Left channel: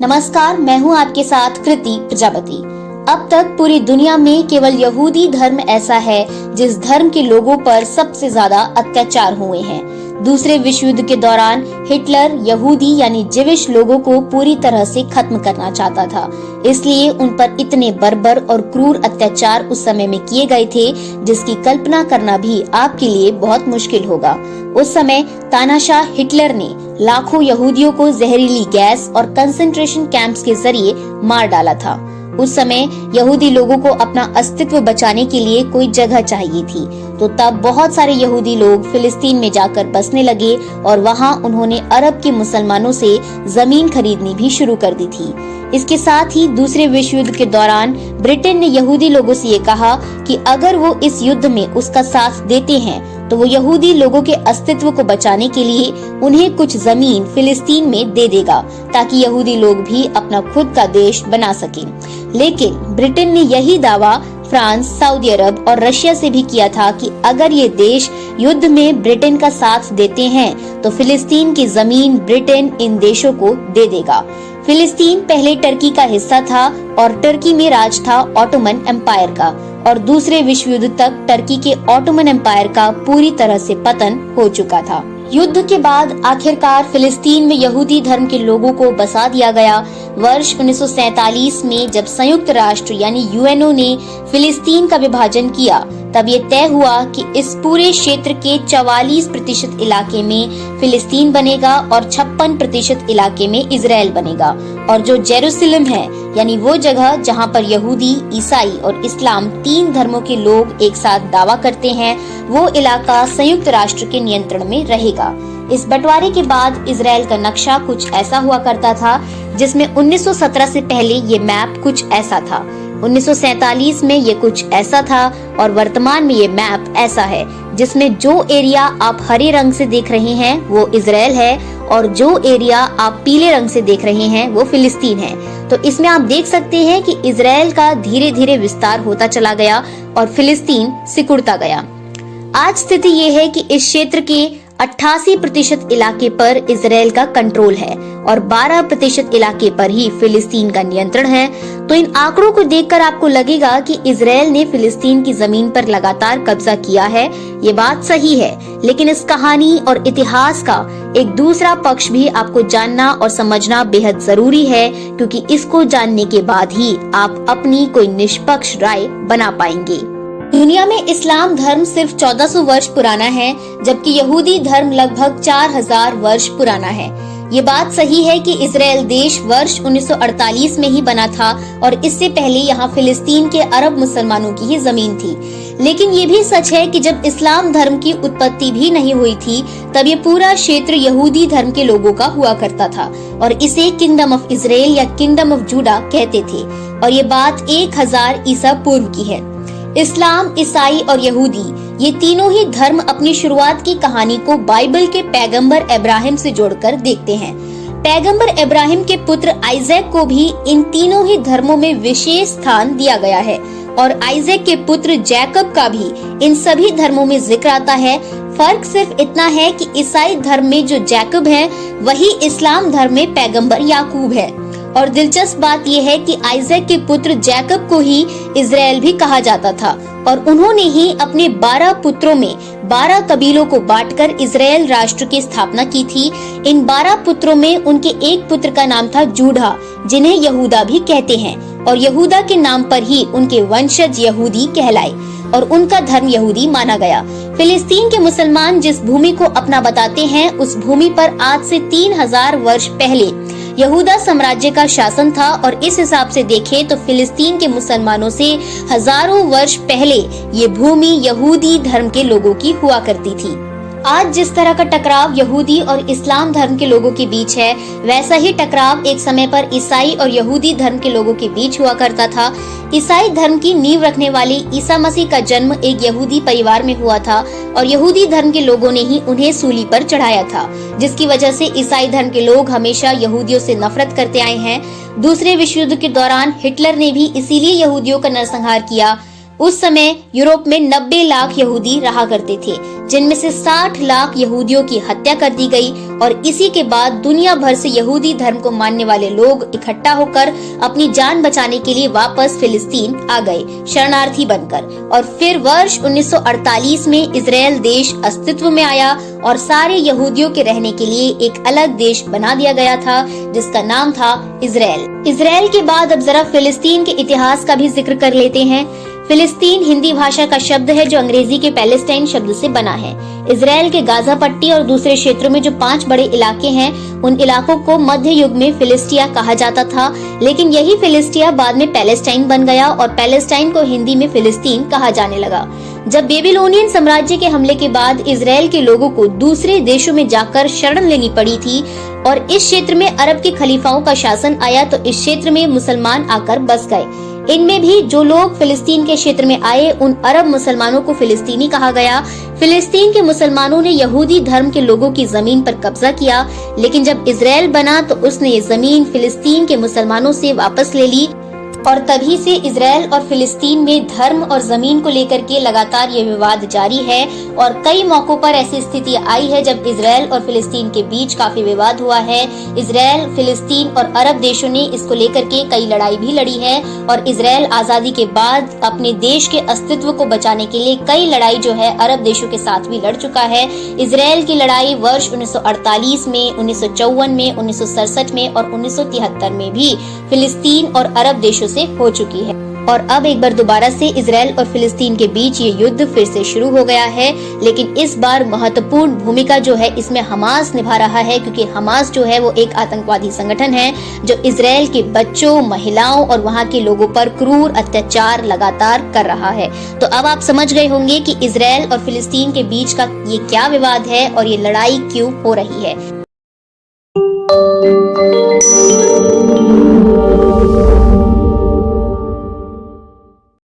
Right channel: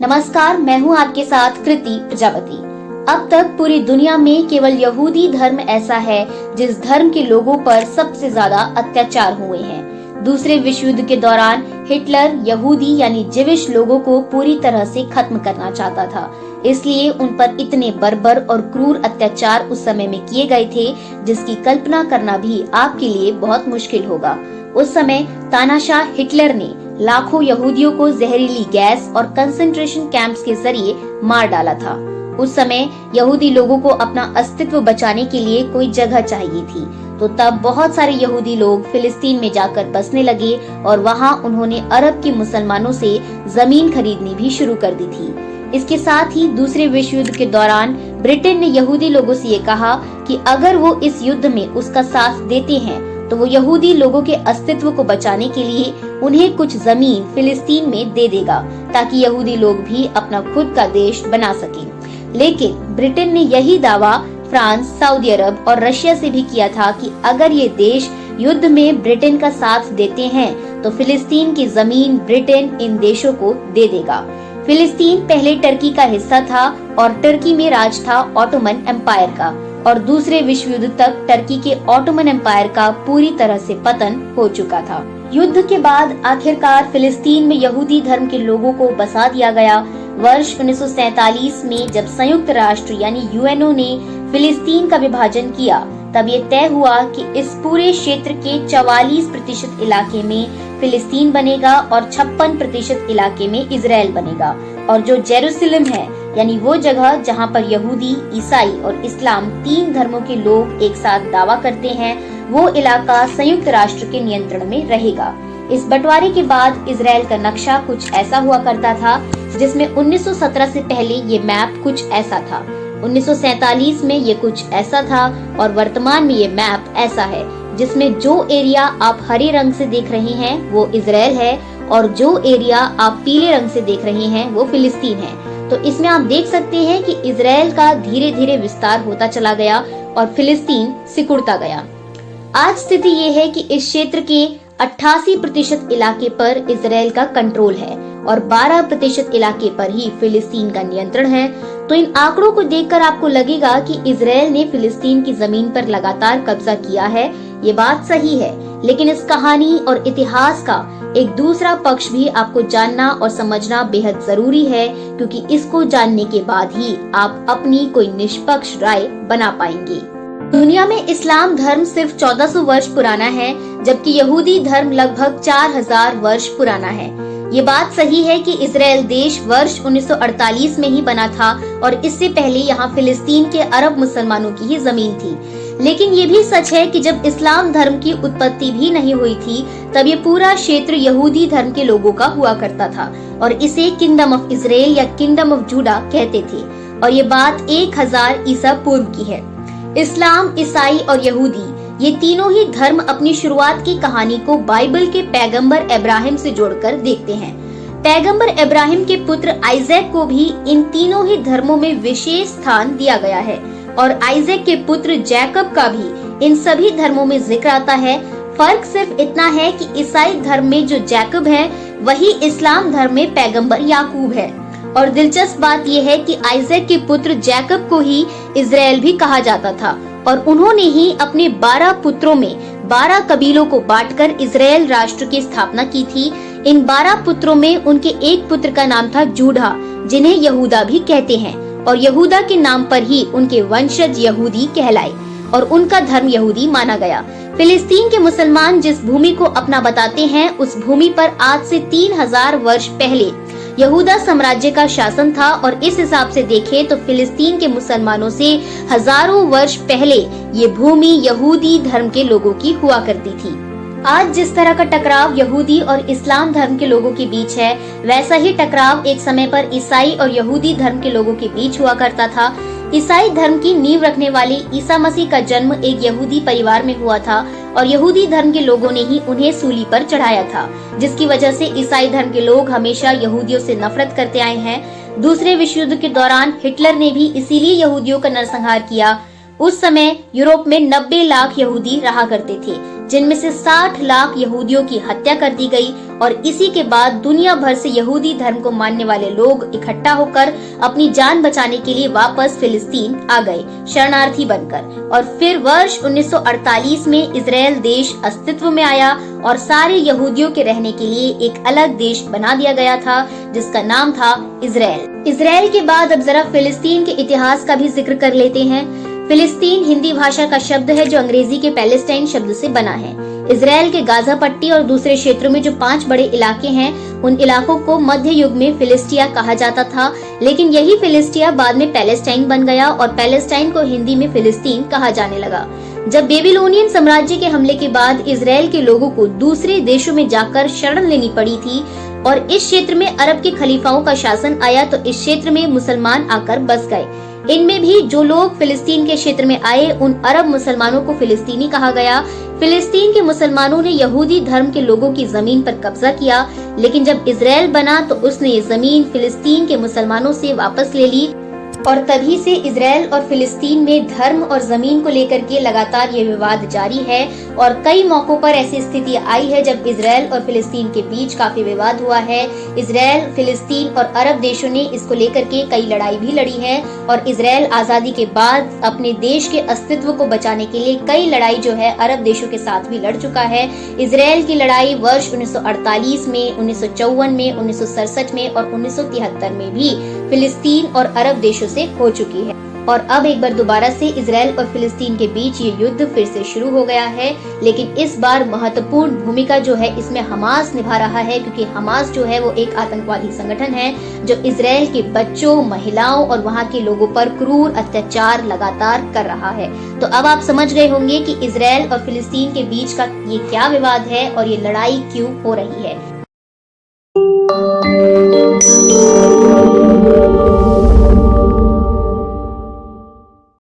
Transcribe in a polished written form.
नमस्कार, मैं हूं आपके साथ कृति प्रजापति। अब तक पूरी दुनिया में केवल यहूदी धर्म ऐसा है जिस धर्म के लोगों पर सबसे ज्यादा अत्याचार हुए हैं। दूसरे विश्व युद्ध के दौरान हिटलर यहूदी यानी जिविश लोगों को पूरी तरह से खत्म करना चाहता था, इसलिए उन पर इतने बर्बर और क्रूर अत्याचार उस समय में किए गए थे जिसकी कल्पना करना भी आपके लिए बहुत मुश्किल होगा। उस समय तानाशाह हिटलर ने लाखों यहूदियों को जहरीली गैस और कंसंट्रेशन कैंप्स के जरिए मार डाला था। उस समय यहूदी लोगों को अपना अस्तित्व बचाने के लिए कोई जगह चाहिए थी, तो तब बहुत सारे यहूदी लोग फिलिस्तीन में जाकर बसने लगे और वहां उन्होंने अरब के मुसलमानों से जमीन खरीदनी भी शुरू कर दी थी। इसके साथ ही दूसरे विश्व युद्ध के दौरान ब्रिटेन ने यहूदी लोगों से ये कहा कि अगर वो इस युद्ध में उसका साथ देते हैं तो वो यहूदी लोगों के अस्तित्व को बचाने के लिए उन्हें कुछ जमीन फिलिस्तीन में दे देगा ताकि यहूदी लोग भी अपना खुद का देश बना सकें। लेकिन ब्रिटेन ने यही दावा फ्रांस, सऊदी अरब और रशिया से भी किया था कि अगर ये देश युद्ध में ब्रिटेन का साथ देते हैं तो फिलिस्तीन की जमीन ब्रिटेन इन देशों को दे देगा। फिलिस्तीन पहले टर्की का हिस्सा था और टर्की में राज था ऑटोमन एम्पायर का, और दूसरे विश्व युद्ध तक टर्की के ऑटोमन एम्पायर का पूरी तरह से पतन हो चुका था। युद्ध के बाद आखिरकार फिलिस्तीन में यहूदी धर्म के लोगों को बसा दिया गया। वर्ष 1947 में जब संयुक्त राष्ट्र यानी यूएनओ ने फिलिस्तीन का विभाजन किया, तब ये तय हुआ कि इस पूरे क्षेत्र के 44% इलाके में फिलिस्तीन बनेगा और 56% इलाके में इजराइल बनेगा, और जो जेरूसलम है यानी वो जगह जहाँ पर यहूदी, ईसाई और इस्लाम तीन धर्मों के लोग एक साथ दावा करते हैं, वो इलाका संयुक्त राष्ट्र के नियंत्रण में रहेगा। इस बंटवारे के बाद इजराइल का नक्शा कुछ ऐसा हुआ करता था, जिसमें 1917 से पहले ये मैप कुछ ऐसा था, 1947 में ये कुछ ऐसा था और वर्तमान में ये मैप ऐसा है, जिसमें जो एरिया आप हरे रंग से देख रहे हैं वो इजराइल है और जो एरिया आप पीले रंग से देख रहे हैं वो फिलिस्तीन है। तो इसमें आप देख सकते हैं कि इजराइल का धीरे धीरे विस्तार होता चला गया और फिलिस्तीन सिकुड़ता गया। आज स्थिति ये है कि इस क्षेत्र के 88% इलाके पर इजराइल का कंट्रोल है और 12% इलाके पर ही फिलिस्तीन का नियंत्रण है। तो इन आंकड़ों को देखकर आपको लगेगा कि इजराइल ने फिलिस्तीन की जमीन पर लगातार कब्जा किया है। ये बात सही है, लेकिन इस कहानी और इतिहास का एक दूसरा पक्ष भी आपको जानना और समझना बेहद जरूरी है, क्योंकि इसको जानने के बाद ही आप अपनी कोई निष्पक्ष राय बना पाएंगे। दुनिया में इस्लाम धर्म सिर्फ 1400 वर्ष पुराना है, जबकि यहूदी धर्म लगभग 4000 वर्ष पुराना है। ये बात सही है कि इजराइल देश वर्ष 1948 में ही बना था और इससे पहले यहाँ फिलिस्तीन के अरब मुसलमानों की ही जमीन थी। लेकिन ये भी सच है कि जब इस्लाम धर्म की उत्पत्ति भी नहीं हुई थी, तब ये पूरा क्षेत्र यहूदी धर्म के लोगों का हुआ करता था और इसे किंगडम ऑफ इजराइल या किंगडम ऑफ जूडा कहते थे, और ये बात 1000 ईसा पूर्व की है। इस्लाम, ईसाई और यहूदी ये तीनों ही धर्म अपनी शुरुआत की कहानी को बाइबल के पैगंबर इब्राहिम से जोड़कर देखते हैं। पैगंबर इब्राहिम के पुत्र आइजैक को भी इन तीनों ही धर्मों में विशेष स्थान दिया गया है और आइजैक के पुत्र जैकब का भी इन सभी धर्मों में जिक्र आता है। फर्क सिर्फ इतना है कि ईसाई धर्म में जो जैकब है वही इस्लाम धर्म में पैगंबर याकूब है। और दिलचस्प बात यह है कि आइजैक के पुत्र जैकब को ही इजराइल भी कहा जाता था और उन्होंने ही अपने 12 पुत्रों में 12 कबीलों को बांटकर इजराइल राष्ट्र की स्थापना की थी। इन 12 पुत्रों में उनके एक पुत्र का नाम था जूडा, जिन्हें यहूदा भी कहते हैं, और यहूदा के नाम पर ही उनके वंशज यहूदी कहलाए और उनका धर्म यहूदी माना गया। फिलिस्तीन के मुसलमान जिस भूमि को अपना बताते हैं, उस भूमि पर आज से 3000 वर्ष पहले यहूदा साम्राज्य का शासन था, और इस हिसाब से देखें तो फिलिस्तीन के मुसलमानों से हजारों वर्ष पहले ये भूमि यहूदी धर्म के लोगों की हुआ करती थी। आज जिस तरह का टकराव यहूदी और इस्लाम धर्म के लोगों के बीच है, वैसा ही टकराव एक समय पर ईसाई और यहूदी धर्म के लोगों के बीच हुआ करता था। ईसाई धर्म की नींव रखने वाले ईसा मसीह का जन्म एक यहूदी परिवार में हुआ था और यहूदी धर्म के लोगों ने ही उन्हें सूली पर चढ़ाया था, जिसकी वजह से ईसाई धर्म के लोग हमेशा यहूदियों से नफरत करते आए हैं। दूसरे विश्व युद्ध के दौरान हिटलर ने भी इसीलिए यहूदियों का नरसंहार किया। उस समय यूरोप में 90 लाख यहूदी रहा करते थे, जिनमें से 60 लाख यहूदियों की हत्या कर दी गई और इसी के बाद दुनिया भर से यहूदी धर्म को मानने वाले लोग इकट्ठा होकर अपनी जान बचाने के लिए वापस फिलिस्तीन आ गए, शरणार्थी बनकर। और फिर वर्ष 1948 में इजराइल देश अस्तित्व में आया और सारे यहूदियों के रहने के लिए एक अलग देश बना दिया गया था, जिसका नाम था इजराइल। इजराइल के बाद अब जरा फिलिस्तीन के इतिहास का भी जिक्र कर लेते हैं। फिलिस्तीन हिंदी भाषा का शब्द है जो अंग्रेजी के पैलेस्टाइन शब्द से बना है। इजराइल के गाजा पट्टी और दूसरे क्षेत्रों में जो 5 बड़े इलाके हैं, उन इलाकों को मध्य युग में फिलिस्टिया कहा जाता था, लेकिन यही फिलिस्टिया बाद में पैलेस्टाइन बन गया और पैलेस्टाइन को हिंदी में फिलिस्तीन कहा जाने लगा। जब बेबीलोनियन साम्राज्य के हमले के बाद इजराइल के लोगों को दूसरे देशों में जाकर शरण लेनी पड़ी थी और इस क्षेत्र में अरब के खलीफाओं का शासन आया, तो इस क्षेत्र में मुसलमान आकर बस गए। इनमें भी जो लोग फिलिस्तीन के क्षेत्र में आए, उन अरब मुसलमानों को फिलिस्तीनी कहा गया। फिलिस्तीन के मुसलमानों ने यहूदी धर्म के लोगों की जमीन पर कब्जा किया, लेकिन जब इजराइल बना तो उसने ये जमीन फिलिस्तीन के मुसलमानों से वापस ले ली और तभी से इजराइल और फिलिस्तीन में धर्म और जमीन को लेकर के लगातार ये विवाद जारी है। और कई मौकों पर ऐसी स्थिति आई है जब इजराइल और फिलिस्तीन के बीच काफी विवाद हुआ है। इजराइल, फिलिस्तीन और अरब देशों ने इसको लेकर के कई लड़ाई भी लड़ी है और इजराइल आजादी के बाद अपने देश के अस्तित्व को बचाने के लिए कई लड़ाई जो है अरब देशों के साथ भी लड़ चुका है। इजराइल की लड़ाई वर्ष 1948 में, 1954 में, 1967 में और 1973 में भी फिलिस्तीन और अरब देशों से हो चुकी है। और अब एक बार दोबारा से इजराइल और फिलिस्तीन के बीच ये युद्ध फिर से शुरू हो गया है, लेकिन इस बार महत्वपूर्ण भूमिका जो है इसमें हमास निभा रहा है, क्योंकि हमास जो है वो एक आतंकवादी संगठन है जो इजराइल के बच्चों, महिलाओं और वहाँ के लोगों पर क्रूर अत्याचार लगातार कर रहा है। तो अब आप समझ गए होंगे कि इजराइल और फिलिस्तीन के बीच का ये क्या विवाद है और ये लड़ाई क्यों हो रही है।